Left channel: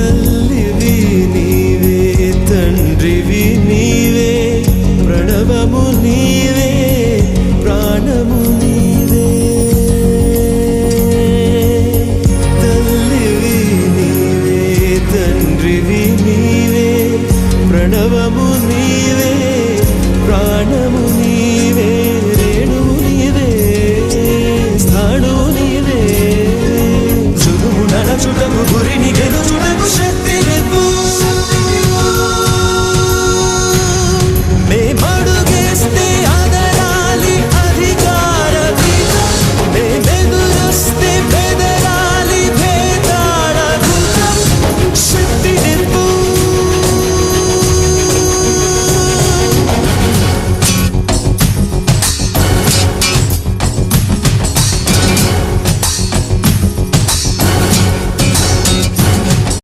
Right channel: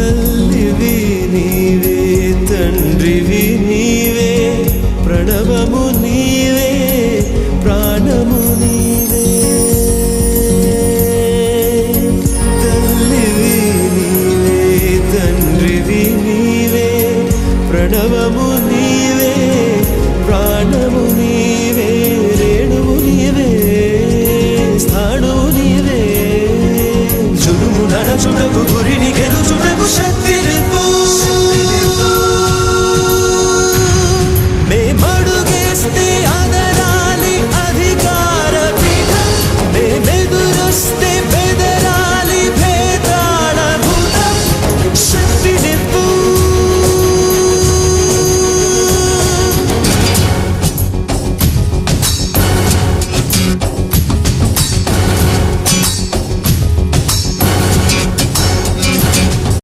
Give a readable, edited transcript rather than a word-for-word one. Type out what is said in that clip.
తల్లివి నీవే తండ్రివి నీవే ప్రణవము నీవే ప్రాణము నీవే తల్లివి నీవే తండ్రివి నీవే ప్రణవము నీవే ప్రాణము నీవే రేణువు నీవే స్థాణువు నీవే జులుము నడచుటకు గురిని గెలుచుటకు శక్తి నివ్వు